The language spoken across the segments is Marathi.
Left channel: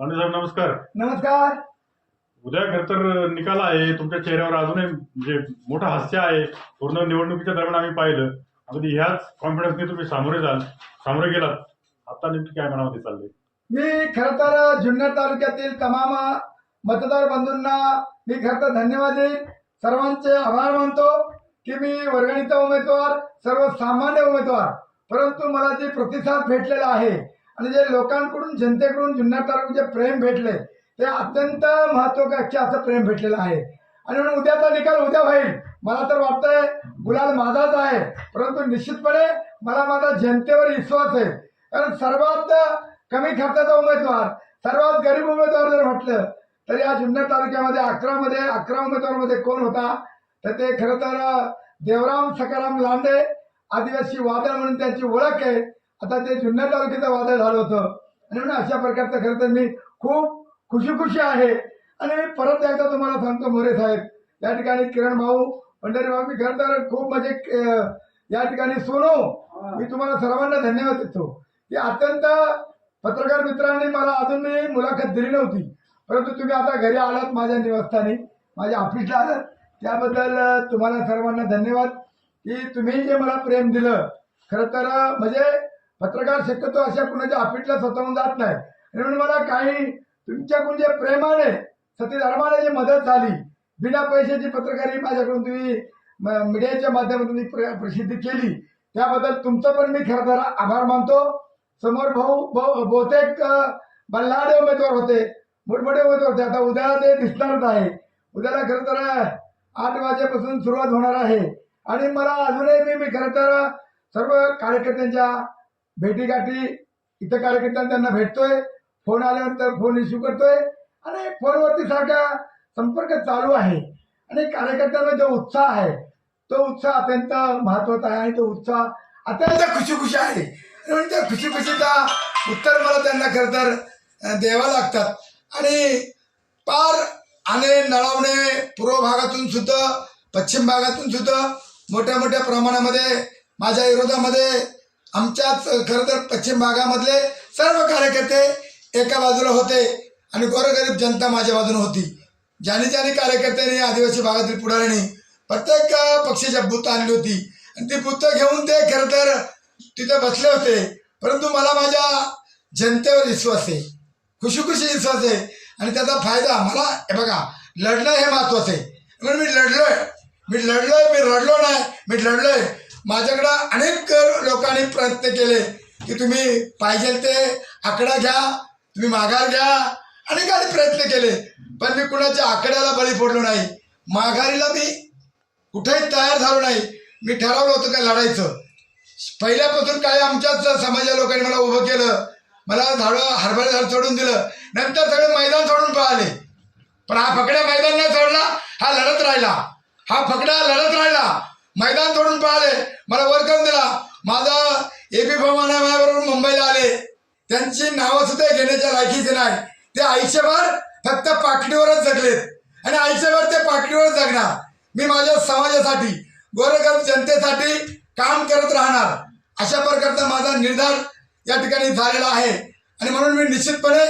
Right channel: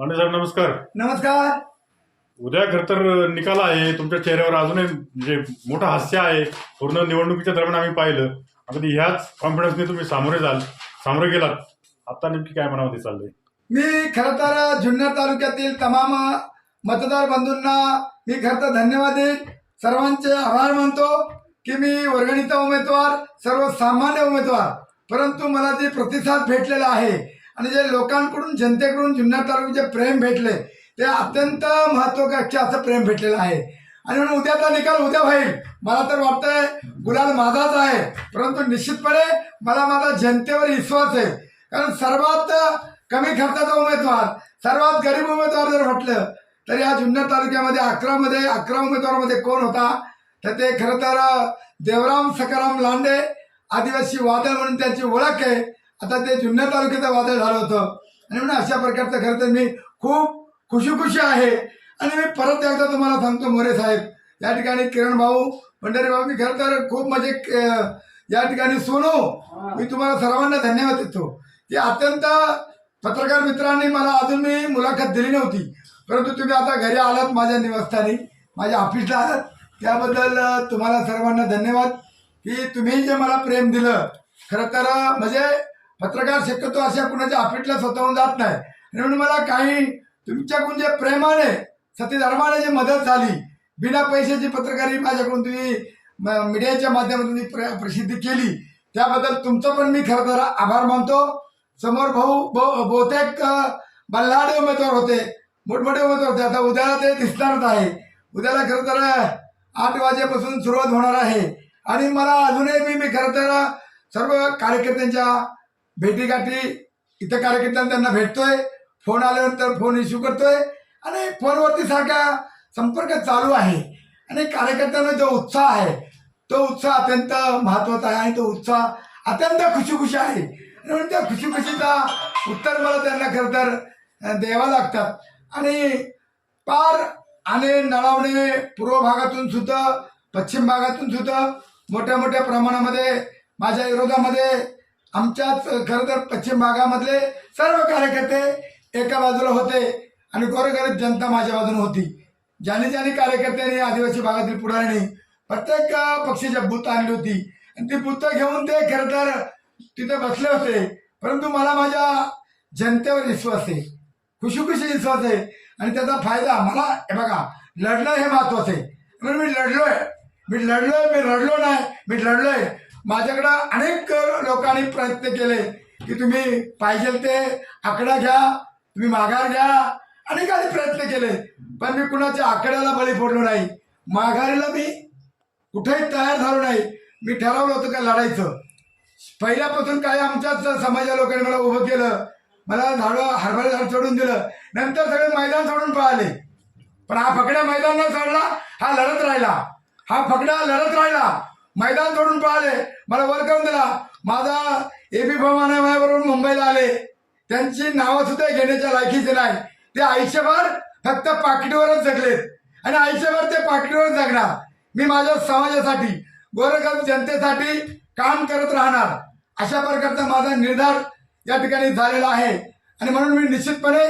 पांडे साहेब नमस्कार. नमस्कार. उद्या खर तर निकाल आहे तुमच्या चेहऱ्यावर अजूनही म्हणजे मोठं हास्य आहे. पूर्ण निवडणुकीच्या दरम्यान आम्ही पाहिलं. अगदी ह्याच कॉन्फिडन्सने तुम्ही सामोरे जाल सामोरे गेलात. आता नेमकी काय मनामध्ये चाललंय? मी खरं तर जुन्नर तालुक्यातील तमाम मतदार बंधूंना मी खरं तर धन्यवाद देईन. सर्वांचे आभार मानतो की मी वर्गणीचा उमेदवार सर्वसामान्य उमेदवार. परंतु मला जे प्रतिसाद भेटलेला आहे आणि जे लोकांकडून जनतेकडून जुन्नर तालुक्यात जे प्रेम भेटले ते अत्यंत महत्वाकांक्षी असं प्रेम भेटलेलं आहे. आणि म्हणून उद्याचा निकाल उद्या होईल. मला तर वाटतंय गुलाल माझाच आहे. परंतु निश्चितपणे मला माझा जनतेवर विश्वास आहे. कारण सर्वात कमी खर्चाचा उमेदवार सर्वात गरीब उमेदवार जर म्हटलं तर या जुन्नर तालुक्यामध्ये अकरामध्ये अकरा उमेदवारामध्ये कोण होता? तर ते खरं तर देवराम सकाराम लांडे आदिवासी वादळ म्हणून त्यांची ओळख आहे. आता ते जुन्नर तालुक्याचं वादळ झालं होतं. आणि म्हणून अशा प्रकारचं खरं तर मी खूप खुशी खुशी आहे. आणि मी परत एकदा तुम्हाला सांगतो मोरे साहेब या ठिकाणी किरण भाऊ पंढरी भाऊ मी खरं तर खूप म्हणजे या ठिकाणी सोनो मी तुम्हाला सर्वांना धन्यवाद देतो. की अत्यंत पत्रकार मित्रांनी मला अजून मी मुलाखत दिली नव्हती. परंतु तुम्ही आता घरी आलात माझ्या निवासस्थानी माझ्या ऑफिसला आलात. त्याबद्दल तुम्हाला सर्वांना धन्यवाद की तुम्ही जे मला प्रेम दिलं. खरं तर म्हणजे पत्रकार शक्यतो अशा कुणाच्या ऑफिसला स्वतःहून जात नाही. आणि म्हणून मला काही तुमच्याकडून जे प्रेमाने सत्यधर्माने जी मदत झाली बिना पैशाची पत्रकारी माझ्याकडून तुम्ही मीडियाच्या माध्यमातून प्र- प्रसिद्धी केली त्याबद्दल तुमचं पण मी खरं तर आभार मानतो. समोर भाऊ बहु- बहुतेक बल्लाडे उमेदवार होते मोठमोठे उमेदवार होते. आता उद्याला ते दिसणारच आहे. उद्याला खरं तर आठ वाजेपासून सुरुवात होणार आहे. आणि मला अजूनही मी मी खरं तर सर्व कार्यकर्त्यांच्या भेटीगाठी इथं कार्यकर्त्यांना त्यांना भेटतोय. फोन आल्यानंतर फोन इश्यू करतोय. आणि फोनवरती सारखा संपर्क चालू आहे. आणि कार्यकर्त्यांना जो उत्साह आहे तो उत्साह अत्यंत महत्त्वाचा आहे आणि तो उत्साह अत्यंत खुशी खुशी आहे. आणि म्हणून त्या खुशी खुशीचा उत्तर मला त्यांना खरं तर द्यावा द्यावं लागतात. आणि पार आणि नळावणे पूर्व भागातून सुद्धा पश्चिम भागातून सुद्धा मोठ्या मोठ्या प्रमाणामध्ये माझ्या विरोधामध्ये आमच्याच खरं तर पश्चिम भागामधले सर्व कार्यकर्ते एका बाजूला होते आणि गोरगरीब जनता माझ्या बाजूने होती. ज्याने ज्याने कार्यकर्त्यांनी आदिवासी भागातील पुढाऱ्यांनी प्रत्येक पक्षाच्या बूथ आणली होती. आणि ती बूथ घेऊन ते खरं तर तिथे बसले होते. परंतु मला माझ्या जनतेवर विश्वास आहे. खुशी खुशी विश्वास आहे. आणि त्याचा फायदा मला हे बघा लढणं हे महत्वाचं आहे. म्हणून मी लढलोय. मी लढलोय मी रडलो नाही. मी लढलोय. माझ्याकडं अनेक लोकांनी प्रयत्न केले की तुम्ही पाहिजे ते आकडा घ्या तुम्ही माघार घ्या. अनेकांनी प्रयत्न केले पण मी कुणाच्या आकड्याला बळी पडलो नाही. माघारीला मी कुठेही तयार झालो नाही. मी ठरवलं होतं का लढायचं. पहिल्यापासून काही आमच्याच समाजा लोकांनी मला उभं केलं. मला झाडं हरभरे झाड सोडून दिलं. नंतर सगळे मैदान सोडून पळाले. पण हा फकड्या मैदान नाही सोडला हा लढत राहिला. हा फकड्या लढत राहिला. मैदान सोडून पळाले. मला करून दिला. माझा एबी भवाना माझ्याबरोबर मुंबईला आले. त्यांची नावं सुद्धा घेण्याच्या लायकीचे नाही. ते आयुष्यभर फक्त पाकिटीवरच जगलेत. आणि आयुष्यभर ते पाकिटीवर जगणार. मी माझ्या समाजासाठी गोरगरीब जनतेसाठी काम करत राहणार. अशा प्रकारचा माझा निर्धार या ठिकाणी झालेला आहे. आणि म्हणून मी निश्चितपणे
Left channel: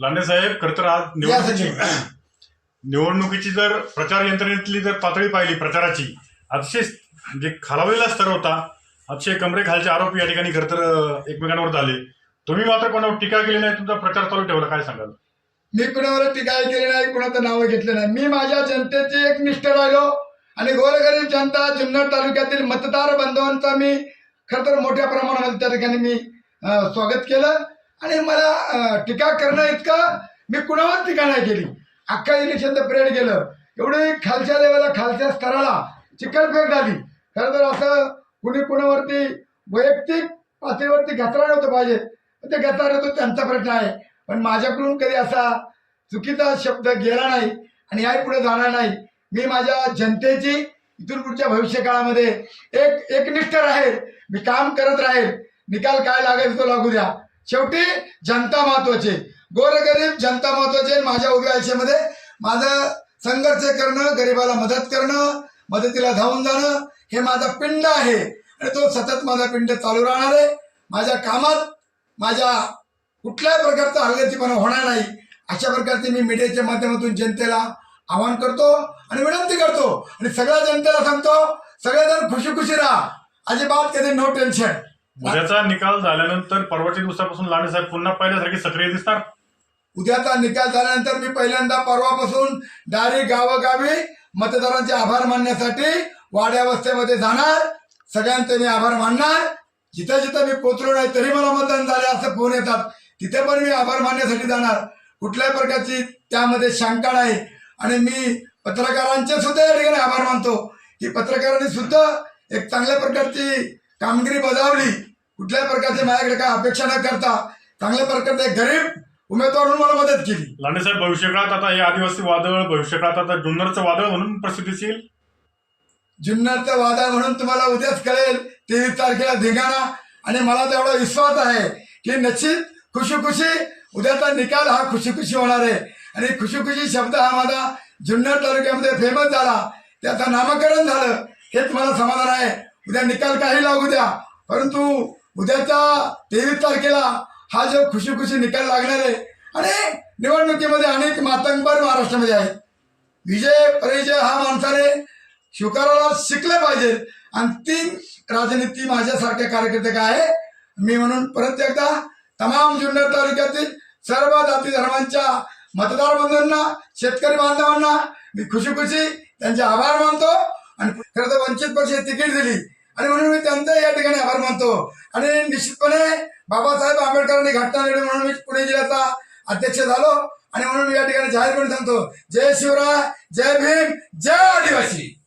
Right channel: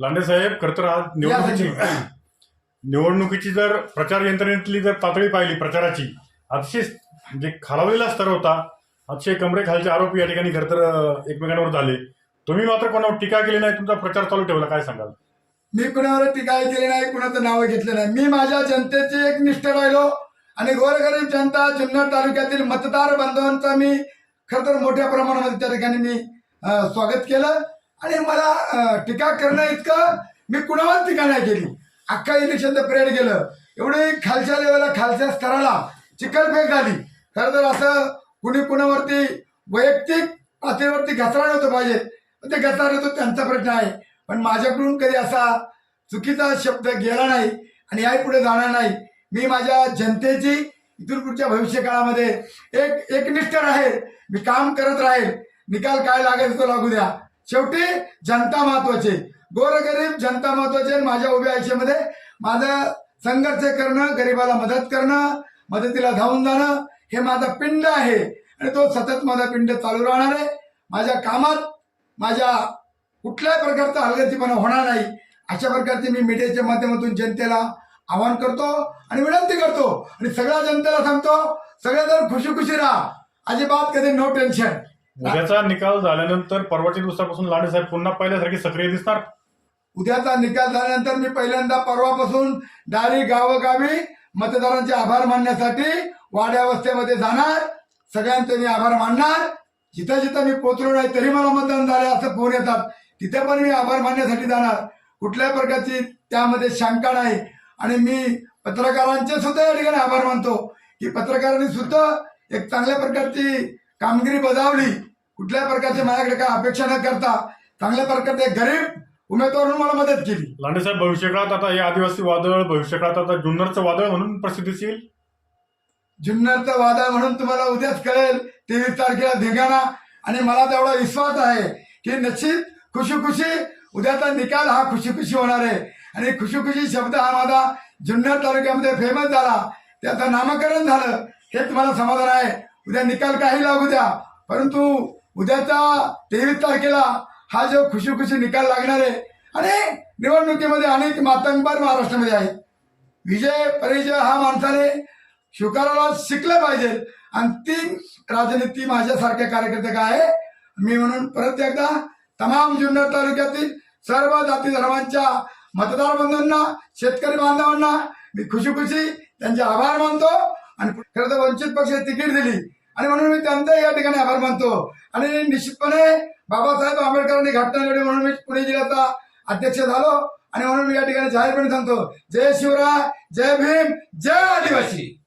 लांडे साहेब खर तर आज निवडणुकीची निवडणुकीची जर प्रचार यंत्रणेतली जर पातळी पाहिली प्रचाराची अतिशय म्हणजे खालावलेला स्तर होता. अतिशय कमरे खालचे आरोप या ठिकाणी खरंतर एकमेकांवर झाले. तुम्ही मात्र कोणावर टीका केली नाही तुमचा प्रचार चालू ठेवला काय सांगाल? मी कुणावर टीका केली नाही कुणाचं नाव घेतलं नाही. मी माझ्या जनतेचे एक निष्ठ राहिलो आणि गोरगरीब जनता जुन्नर तालुक्यातील मतदार बांधवांचा मी खरं तर मोठ्या प्रमाणामध्ये त्या ठिकाणी मी स्वागत केलं. आणि मला टीका करणं इतकं मी कुणावर टीका नाही केली. अख्खा इलेक्शनचं पिरियड गेलं. एवढी खालच्या लेवलला खालच्या स्तराला चिखलफेक झाली. खरं तर असं कुणी कुणावरती वैयक्तिक पातळीवरती घसरा नव्हतं पाहिजे. ते घसरा होतो त्यांचा प्रश्न आहे. पण माझ्याकडून कधी असा चुकीचा शब्द गेला नाही आणि याही पुढे जाणार नाही. मी माझ्या जनतेची इथून पुढच्या भविष्य काळामध्ये एक एकनिष्ठ राहील. मी काम करत राहील. निकाल काय लागेल तो लागू द्या. शेवटी जनता महत्वाची गोरगरीब जनता महत्वाची आहे. माझ्या उभ्या आयुष्यामध्ये माझं संघर्ष करणं गरिबाला मदत करणं मदतीला धावून जाणं हे माझा पिंड आहे. आणि तो सतत माझा पिंड चालू राहणार आहे. माझ्या कामात माझ्या कुठल्याही प्रकारचा हलगर्जीपणा होणार नाही. अशा प्रकारचे मी मीडियाच्या माध्यमातून जनतेला आवाहन करतो आणि विनंती करतो. आणि सगळ्या जनतेला सांगतो सगळेजण खुशी खुशी राहा. अजिबात कधी नो टेन्शन उद्याचा निकाल झाल्यानंतर परवाच्या दिवसापासून लांडे साहेब पुन्हा पहिल्यासारखे सक्रिय दिसणार उद्याचा निकाल झाल्यानंतर मी पहिल्यांदा परवापासून दारी गावोगावी मतदारांचे आभार मानण्यासाठी वाड्यावस्थेमध्ये जाणार सगळ्यांचे मी आभार मानणार. जिथं जिथं मी पोचलो नाही तरी मला मतदान झालं असं फोन येतात. तिथे पण मी आभार मानण्यासाठी जाणार. कुठल्याही प्रकारची त्यामध्ये शंका नाही. आणि मी पत्रकारांचे सुद्धा या ठिकाणी आभार मानतो. की पत्रकारांनी सुद्धा एक चांगल्या प्रकारची कामगिरी बजावली. कुठल्याही प्रकारची माझ्याकडे काय अपेक्षा न करता चांगल्या प्रकारचे गरीब उमेदवार म्हणून मला मदत केली. लांडे साहेब भविष्यकाळात आता हे आदिवासी वादळ भविष्यकाळात आता जुन्नरचं वादळ म्हणून प्रसिद्धीस येईल जुन्नरचं वादळ म्हणून तुम्हाला उद्याच कळेल तेवीस तारखेला धिंगाणा. आणि मला तेवढा विश्वास आहे की निश्चित खुशी खुशी उद्याचा निकाल हा खुशी खुशी होणार आहे. आणि खुशी खुशी शब्द हा माझा जुन्नर तालुक्यामध्ये फेमस झाला. त्याचं नामकरण झालं हेच मला समाधान आहे. उद्या निकाल काही लागू द्या. परंतु उद्याच्या तेवीस तारखेला हा जो खुशी खुशी निकाल लागणार आहे आणि निवडणुकीमध्ये अनेक मातंगबार महाराष्ट्रामध्ये आहेत. विजय परिचय हा माणसाने स्वीकारायला शिकलं पाहिजे. आणि तीन राजनीती माझ्यासारख्या कार्यकर्ते काय आहे. मी म्हणून परत एकदा तमाम जुन्नर तालुक्यातील सर्व जाती धर्मांच्या मतदार बंधूंना शेतकरी बांधवांना मी खुशी खुशी त्यांचे आभार मानतो. आणि खरं तर वंचित पक्ष तिकीट दिली. आणि म्हणून मी त्यांचा या ठिकाणी आभार मानतो. आणि निश्चितपणे बाबासाहेब आंबेडकरांनी घटना लढली म्हणून मी पुणे जिल्ह्याचा अध्यक्ष झालो. आणि म्हणून मी या ठिकाणी जाहीरपणे सांगतो जय शिवराय जय भीम जय आदिवासी.